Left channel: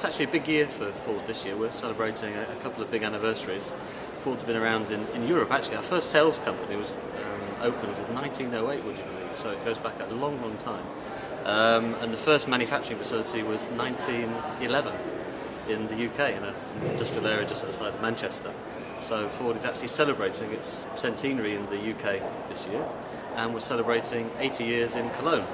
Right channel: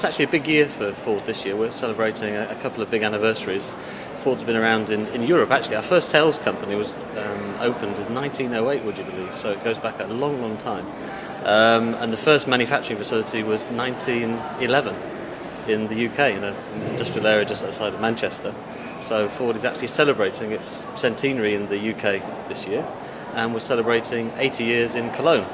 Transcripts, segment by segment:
It's actually a big year for Ford this year. We're celebrating a couple of big anniversaries. Ford's been around in Europe. Actually, our first sales company was opened in 1908, would you believe? So it goes back a long, long time. And the first manufacturing facility was 1911 in the UK, in an industrial area just outside of Manchester. So Ford is actually celebrating its centenary in the UK this year, and we're celebrating 80 years in Cologne,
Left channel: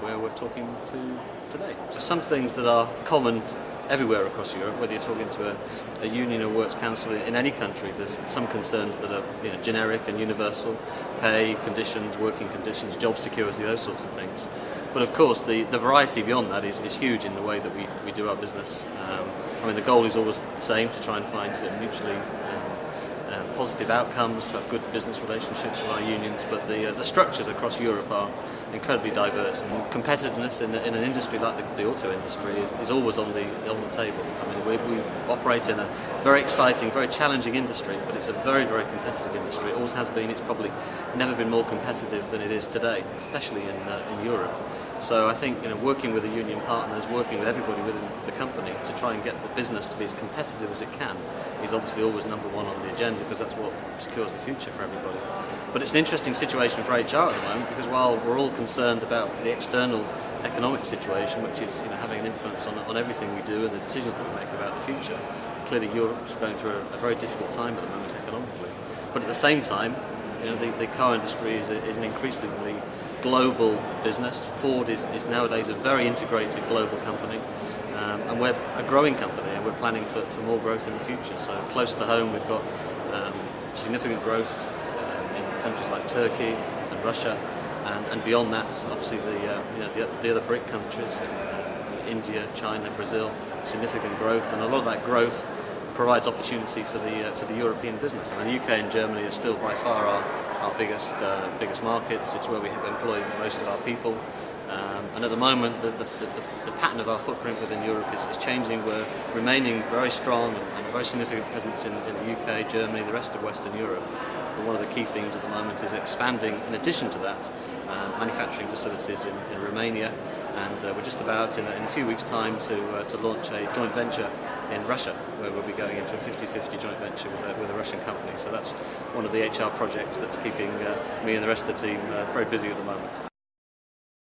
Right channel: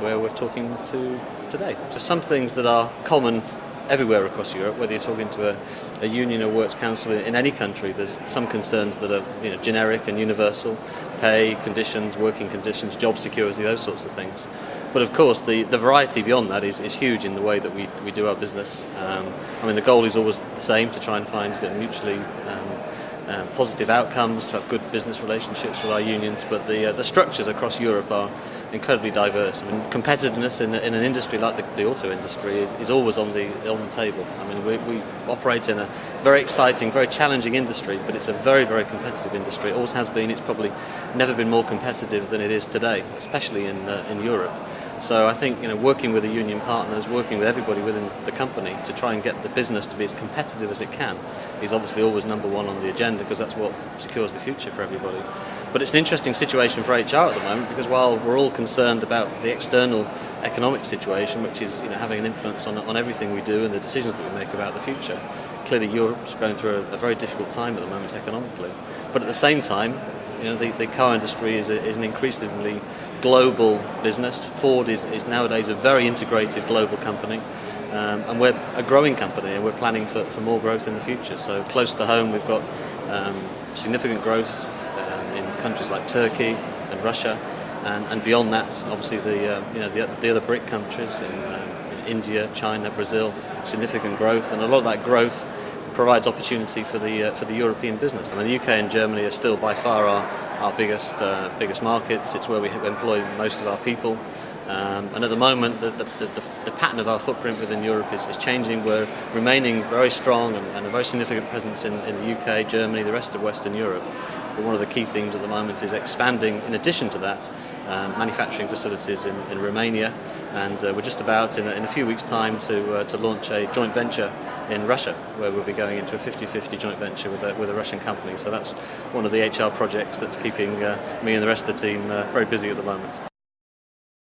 where we're talking to today. So some things that are common everywhere across Europe, whether you're talking to a union or works council in any country, there's some concerns that are generic and universal: pay, conditions, working conditions, job security, those sorts of things. But of course the variety beyond that is huge in the way that we do our business. The goal is always the same, to try and find mutually positive outcomes, to have good business relationships with our unions, but the structures across Europe are incredibly diverse. And competitiveness in an industry like the auto industry is always on the table. We operate in a very exciting, very challenging industry, but it's a very, very competitive industry. It always has been. It's probably never been more competitive than it is today, especially in Europe. So I think working with the union partners, working with everybody within the company to try and get the business to be as competitive as it can is obviously always number one on the agenda, because that's what secures the future for everybody. But it's an interesting situation for HR at the moment, because while we're all concerned about the external economic situation, which is having an influence on everything we do and the decisions that we make about the future, clearly Europe's going through a very difficult time at the moment economically. But at the same time, the car industry is an increasingly global business. Ford is nowadays a very integrated global company, and we're a growing company, and we're planning for more growth in the future. So close to home, we've got significant growth in countries like Turkey and Russia, and beyond that, obviously the other BRIC countries, India, China, Brazil, significant growth, and a lot of that growth provides opportunity for the European business. The UK and Germany are still by far our biggest markets. It's where we employ most of our people, and at the moment the pattern of our footprint within Europe is changing. We're remaining very strong and a very significant presence in the UK, Germany, the rest of Western Europe. But one of the key themes at the moment is expanding, in addition to that, manufacturing facilities in Romania, and we're just about in a few weeks' time to launch a joint venture in Russia, where we'll be going into a 50-50 joint venture with a Russian company. So that's one of the HR projects that's keeping me and the rest of the team very busy at the moment.